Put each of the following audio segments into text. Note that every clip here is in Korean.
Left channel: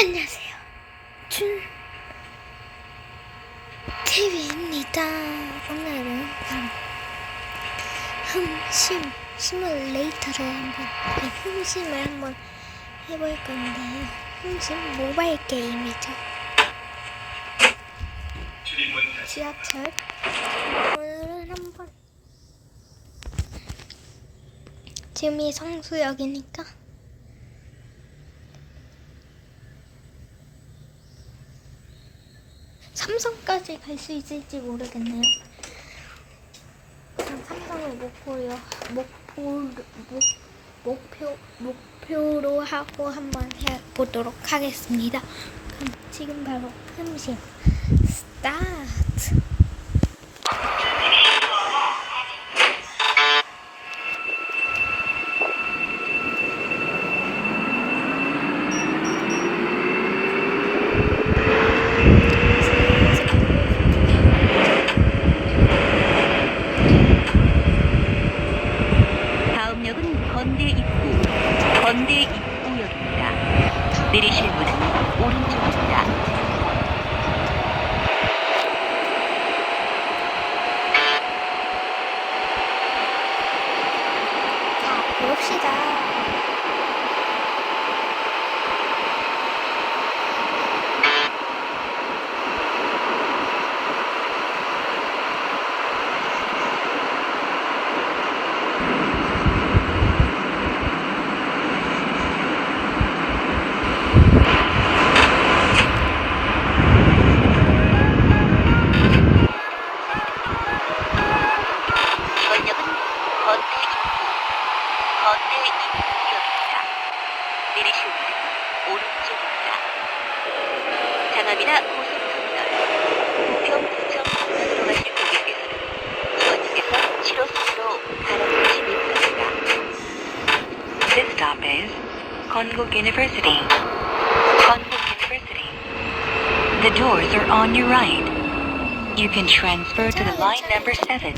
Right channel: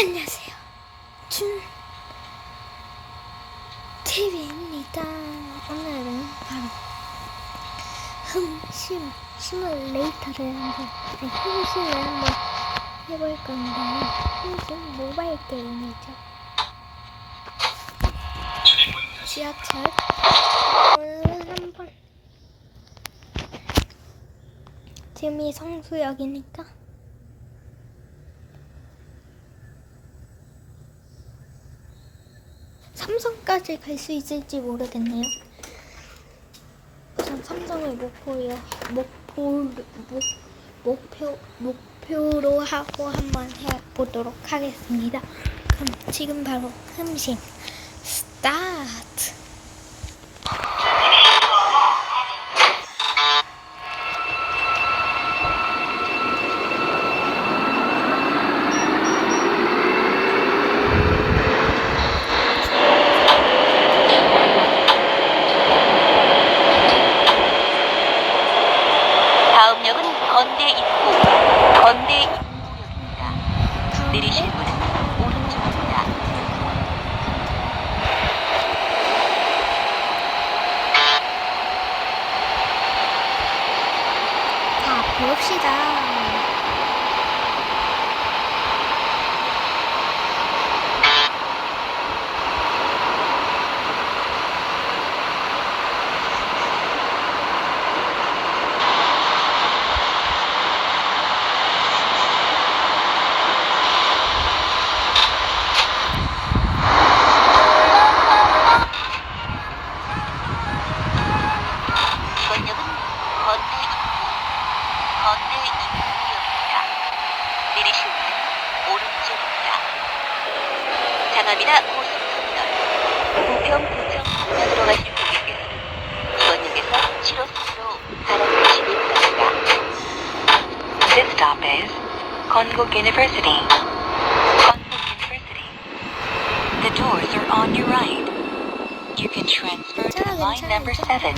안녕하세요. TV입니다. 오늘은 바로 흠심 시뮬레이터를 흠심을 한번 해볼 건데요. 흠심 모바일 게임이죠. 지하철 오늘은 한번 지금이 성수역이니까 삼성까지 갈 수 있을지 모르겠네요. 전 삼성을 목표로 하고 한번 해보도록 하겠습니다. 그럼 지금 바로 흠심 스타트. 다음 역은 건대 입구역입니다. 내리실 분은 오른쪽입니다. 자, 봅시다. 건대 입구역입니다. 내리실 분은 오른쪽입니다. 장암이나 고속터미널, 부평구청 방면으로 가실 고객께서는 이번 역에서 7호선으로 갈아타시기 바랍니다. This stop is Konkuk University. Konkuk University. The doors are on your right. You can transfer to the line number 7.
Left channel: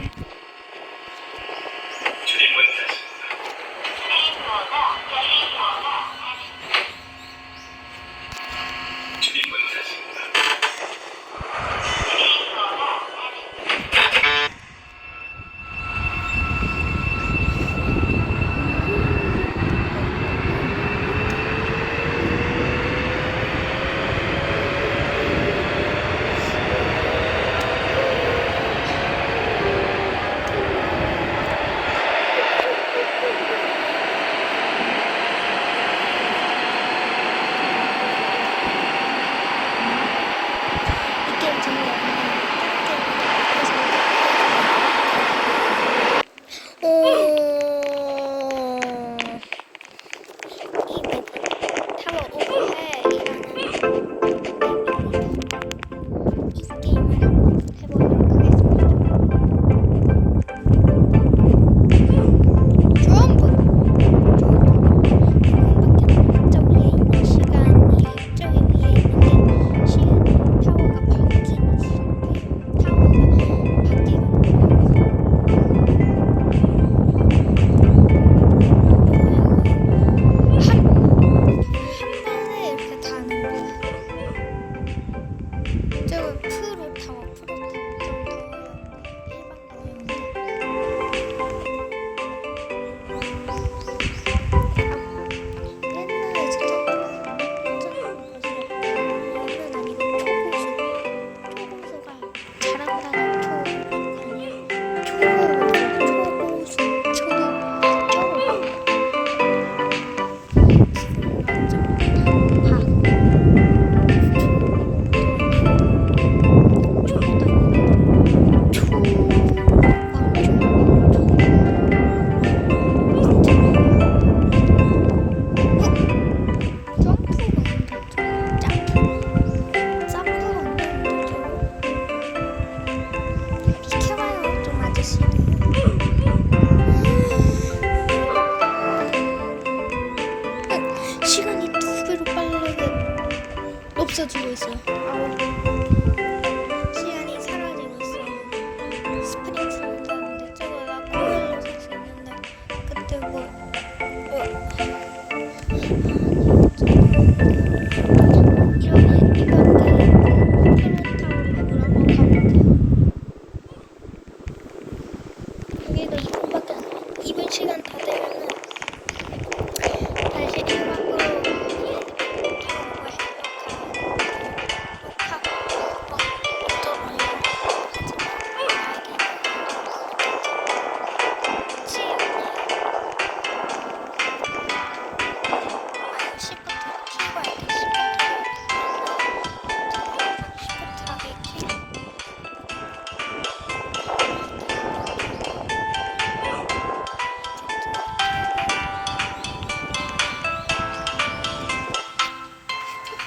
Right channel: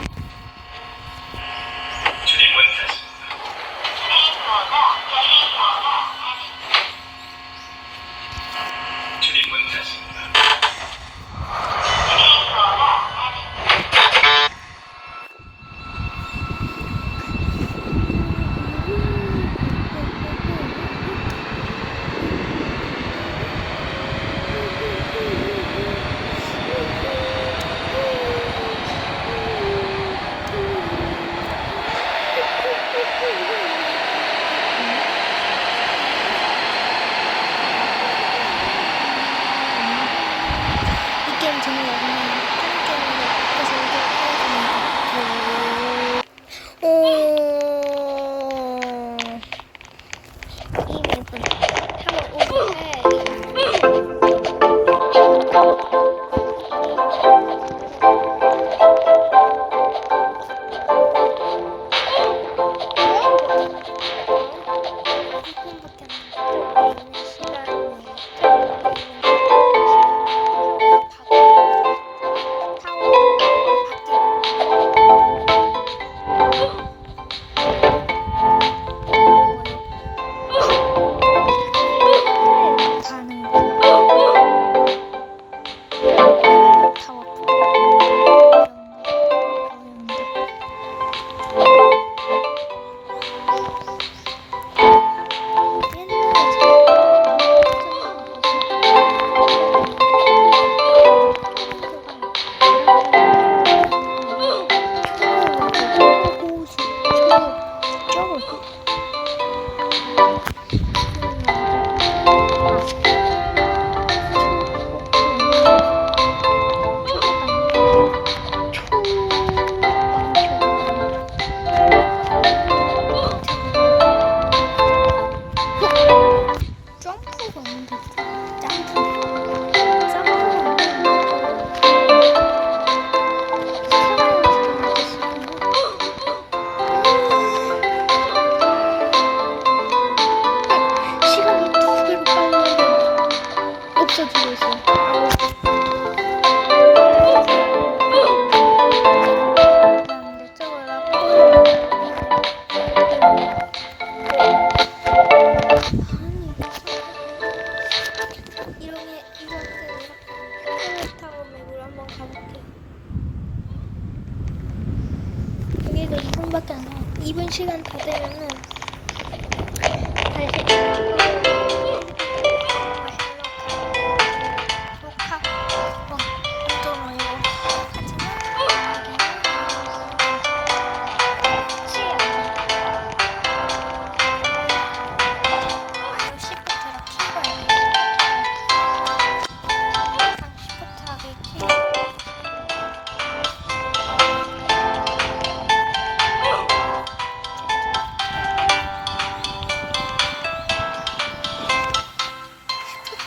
이 게임 재미없네요. 다른 게임으로 바꿔서 오도록 하겠습니다. 이 맵은 시간이 2배로 빨리 없어지고 있어요. 아우. 시간이 사라지고 있어요. 스프레이 저거라 코일을 그때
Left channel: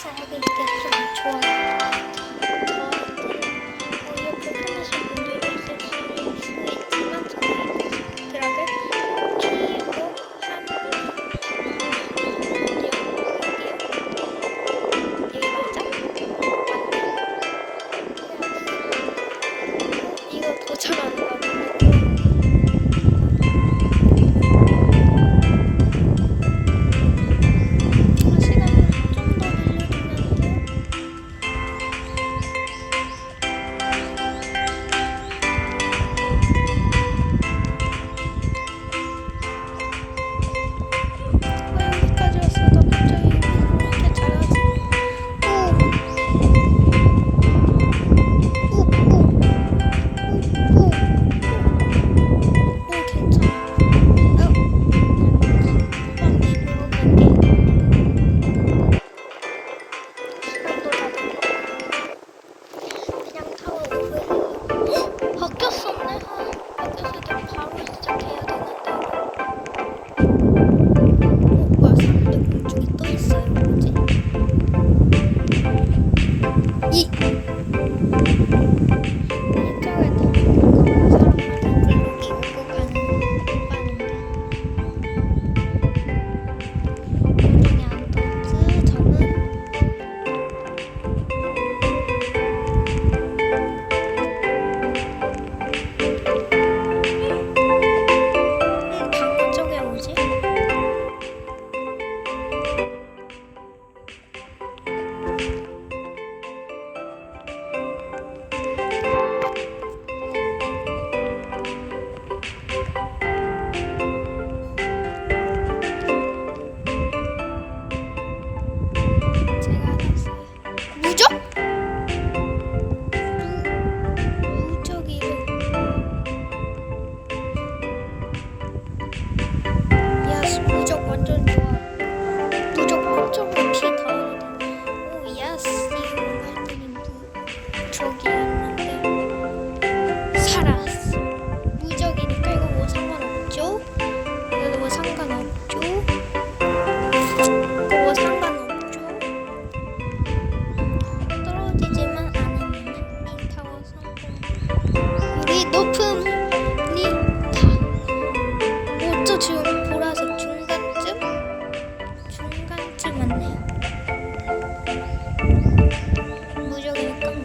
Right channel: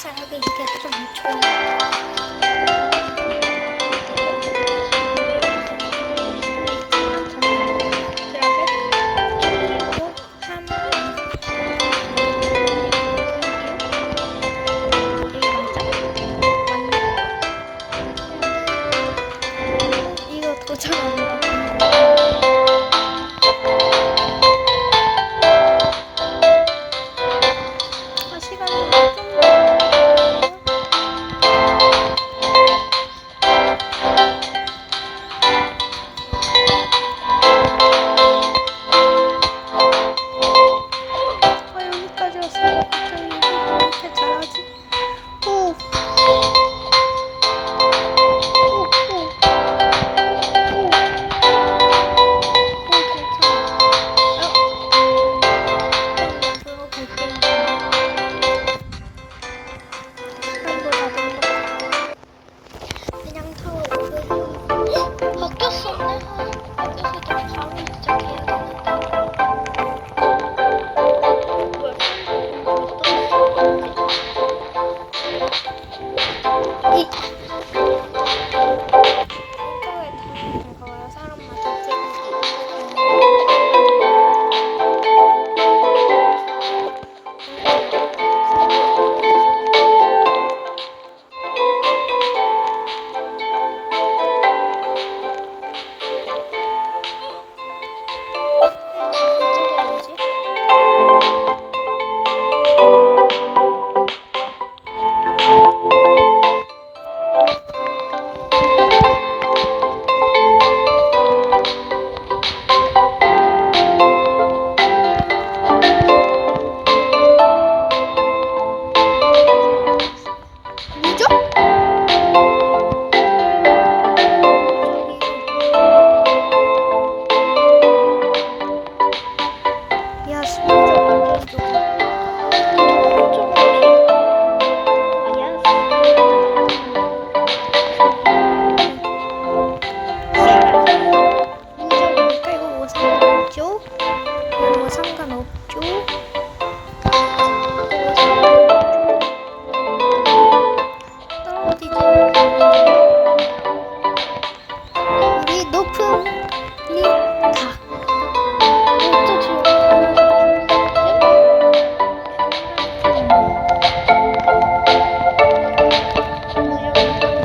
차라리 이게 좀 좋아요. 도착 안 된다. 시간이 좀 여기까지 왔어요. 갑자기 이렇게 잘하지? 오. 바뀌었었네. 바뀌었을 때 바로 시작해야 되는데. 뭐야? 저기 또 있어. 뭐지? 이쪽에 사람마다 여기 오고 가는 방금 쪽에 뭐지? 무적? 무적이래. 야, 무적 완전 좋아. 무적 쪽으로 피 달아가지고. 야스. 저기 있는데 살아있어. 무적이니까 이거 뭐 상관없죠? 이거 뭐 상관없죠? 이거 뭐 상관없죠? 떨어지지는 않는데 우리 높음이 다. 어쩌 지금 보라색 중간쯤? 중간쯤은 무적이니까 뭐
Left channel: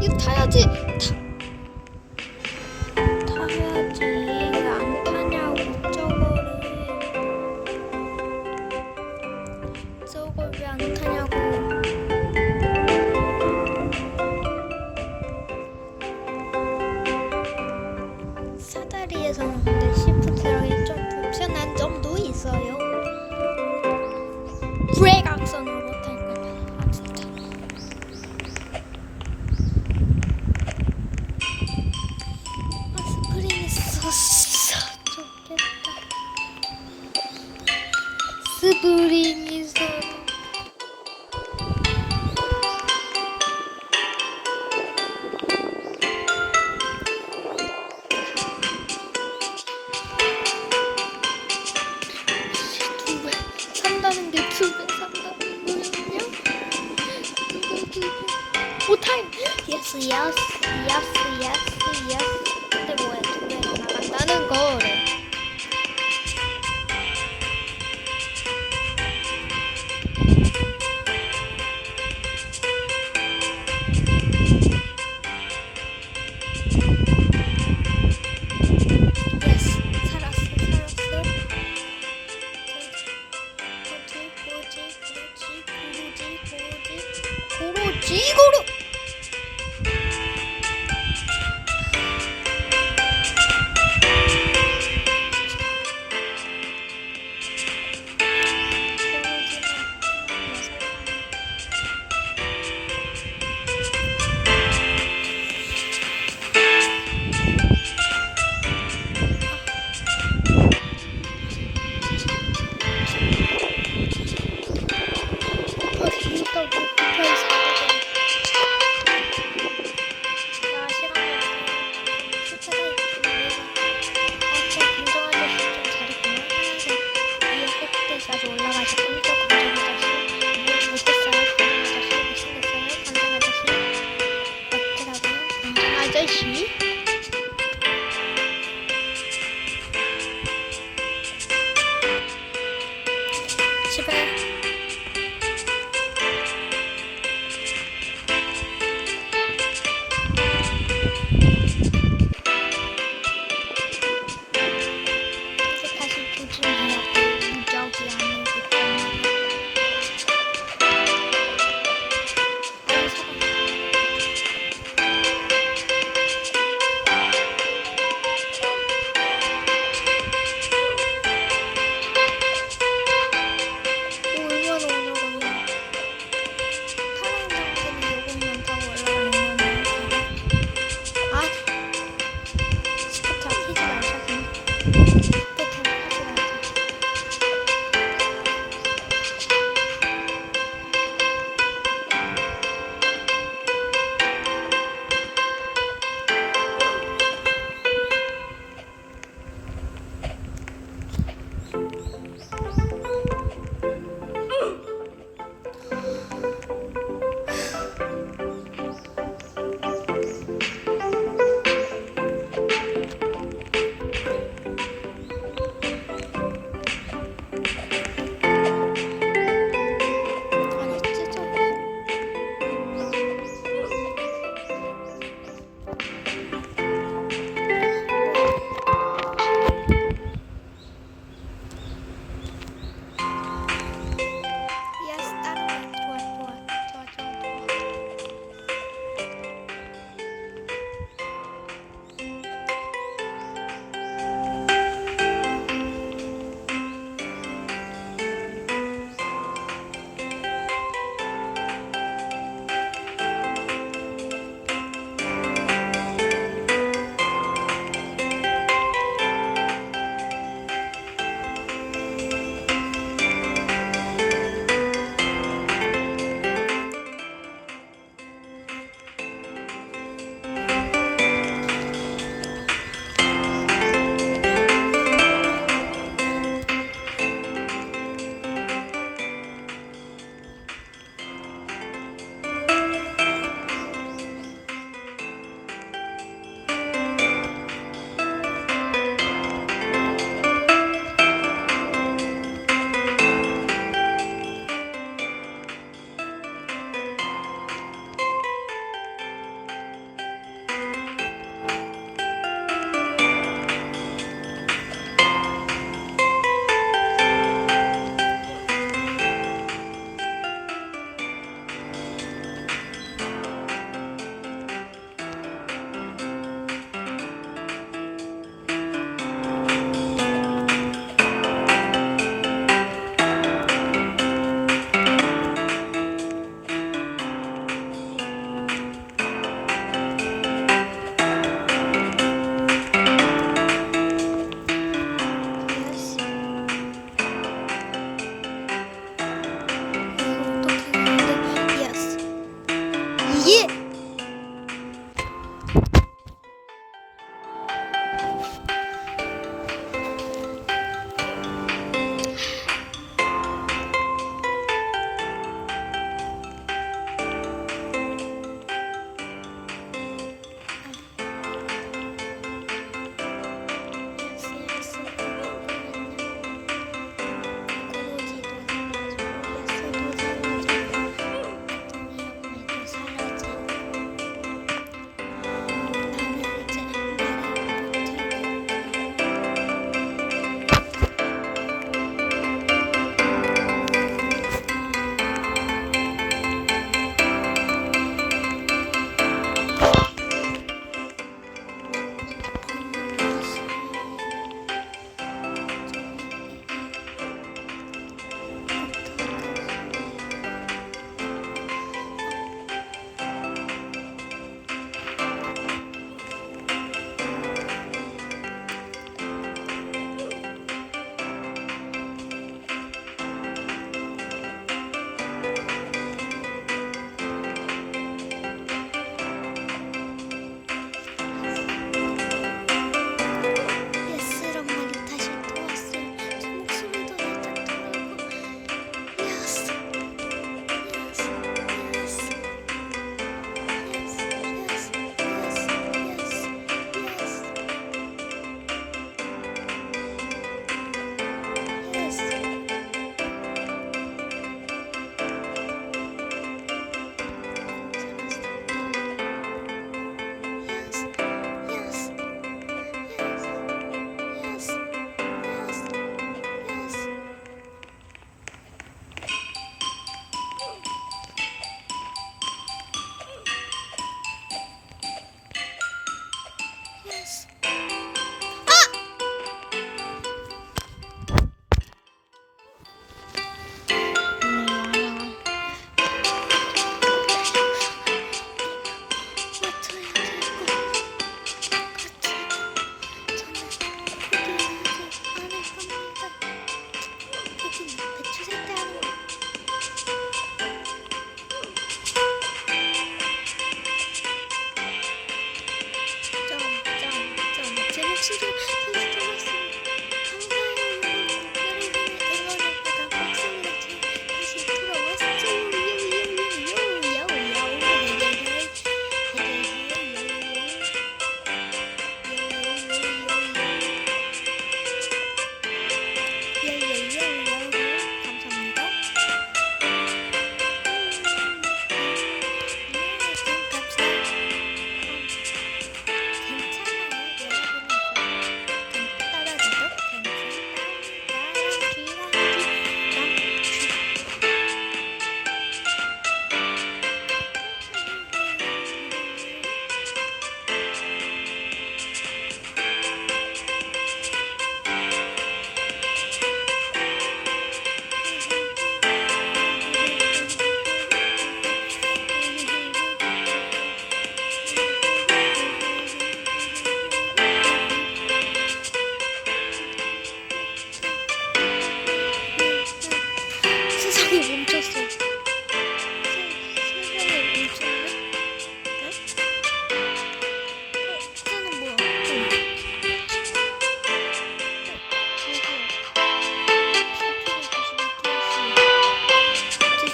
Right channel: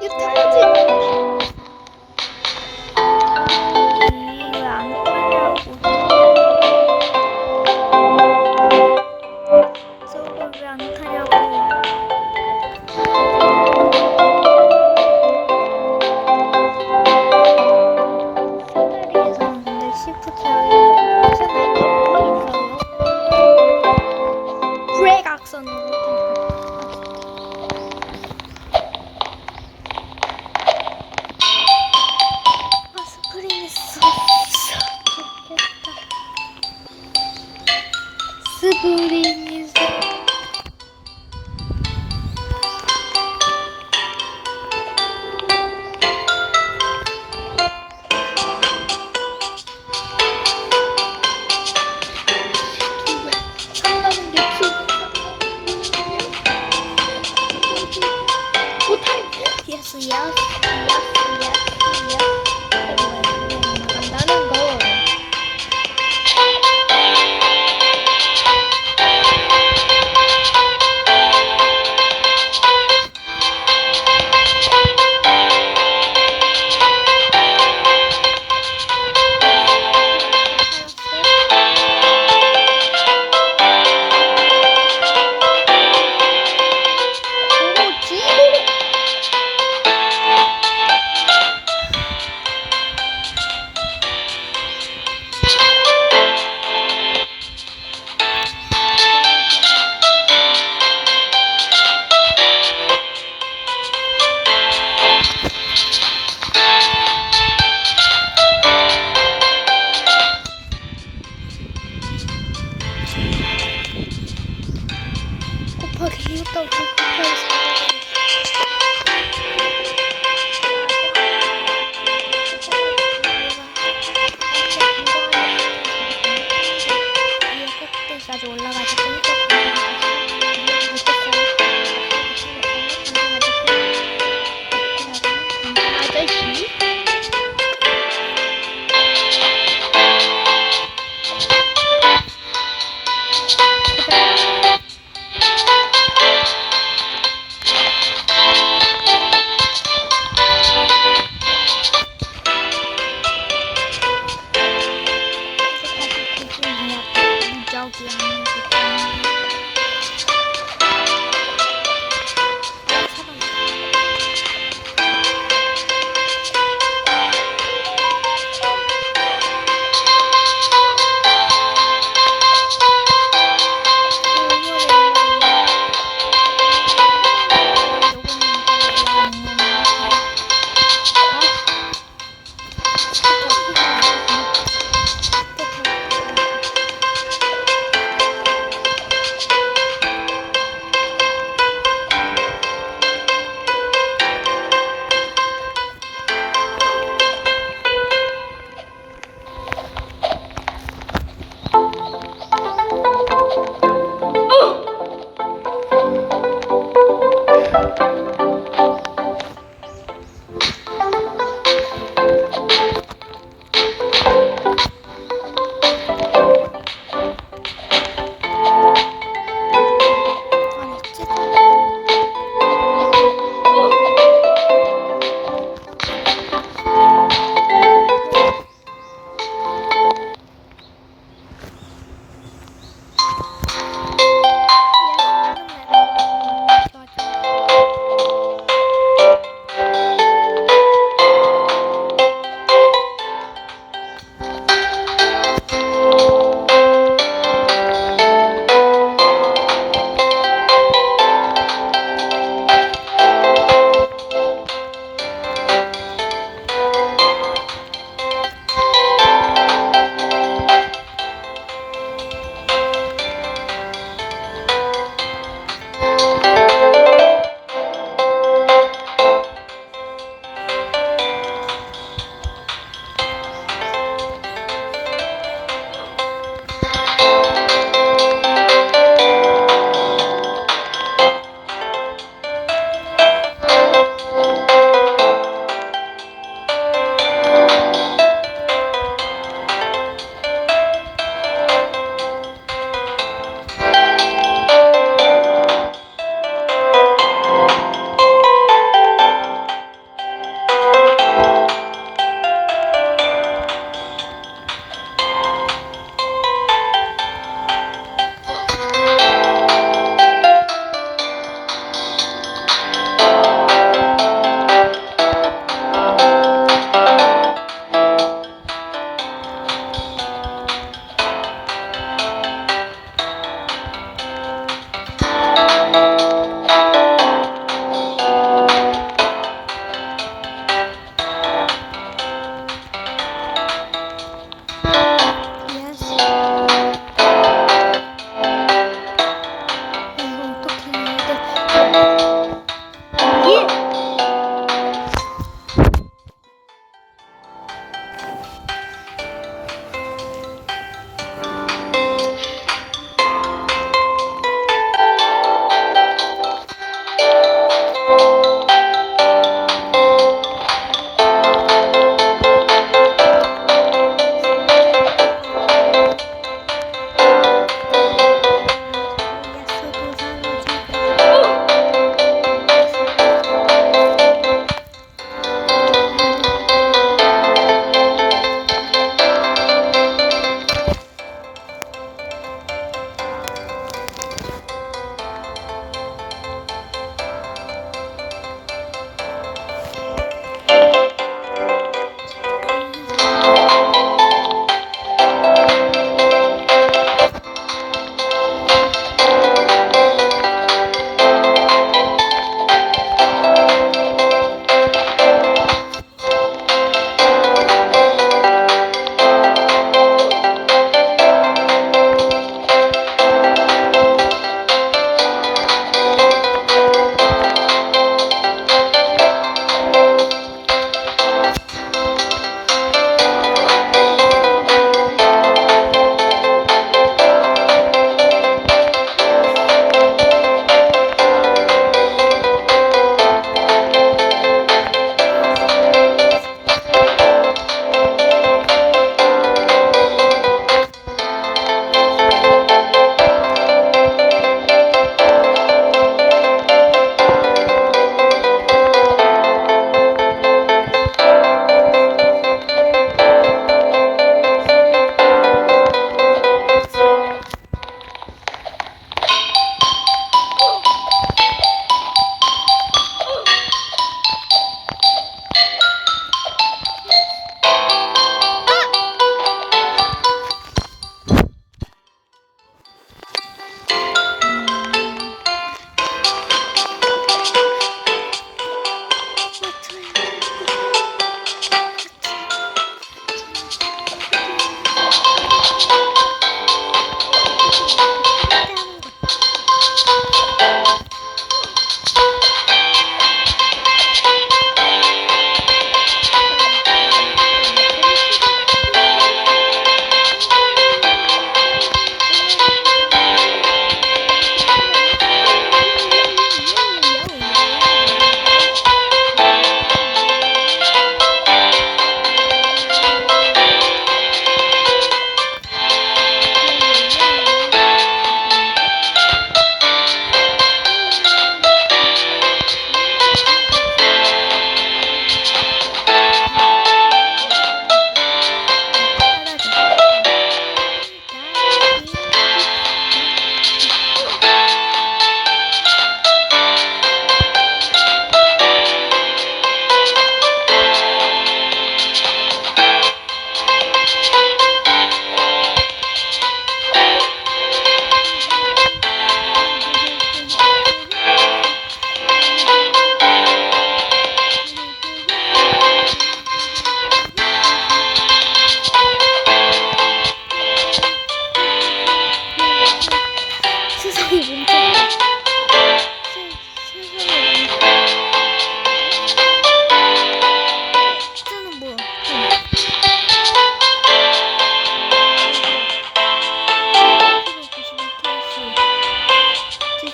이거 타야지. 타야지. 안 타냐고. 저걸 왜 안 타냐고. 사다리에서는 근데 시프트하기 좀 불편한 점도 있어요. 브레이크 악선으로 아 진짜. 아 스프링 있었어. 좋겠다. 스프링 있어. 산다는 게 두개 산다. 근데 뭐야? 그냥 나간다는 거. 곱하기 6 곱하기 4거든. 까지 올라가서 꼼짝 관장 아저씨 못했어요. 관장 아저씨 못생겼어요. 관장 아저씨 어떻게 관장 아저씨 집에 이제 다시 조심해야 돼. 무적이 아니기 때문에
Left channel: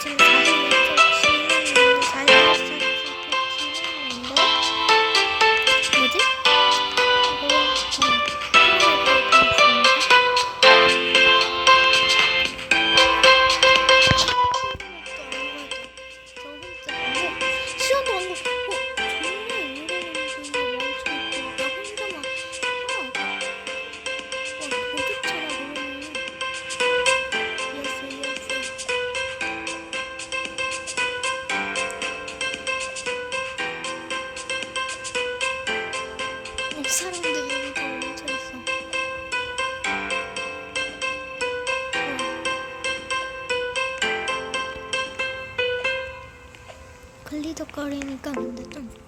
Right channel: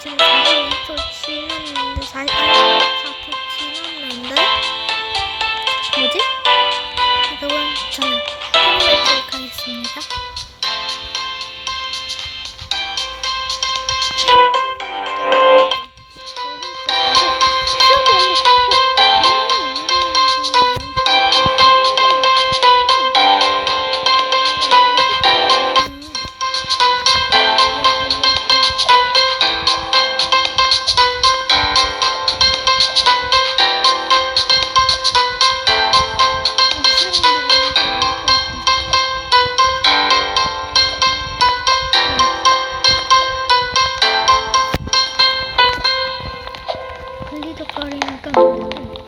지금 42초 지났는데 44초 지났는데 뭐지? 여러분 저는 해보도록 하겠습니다. 걸리적거리니까 안 되죠?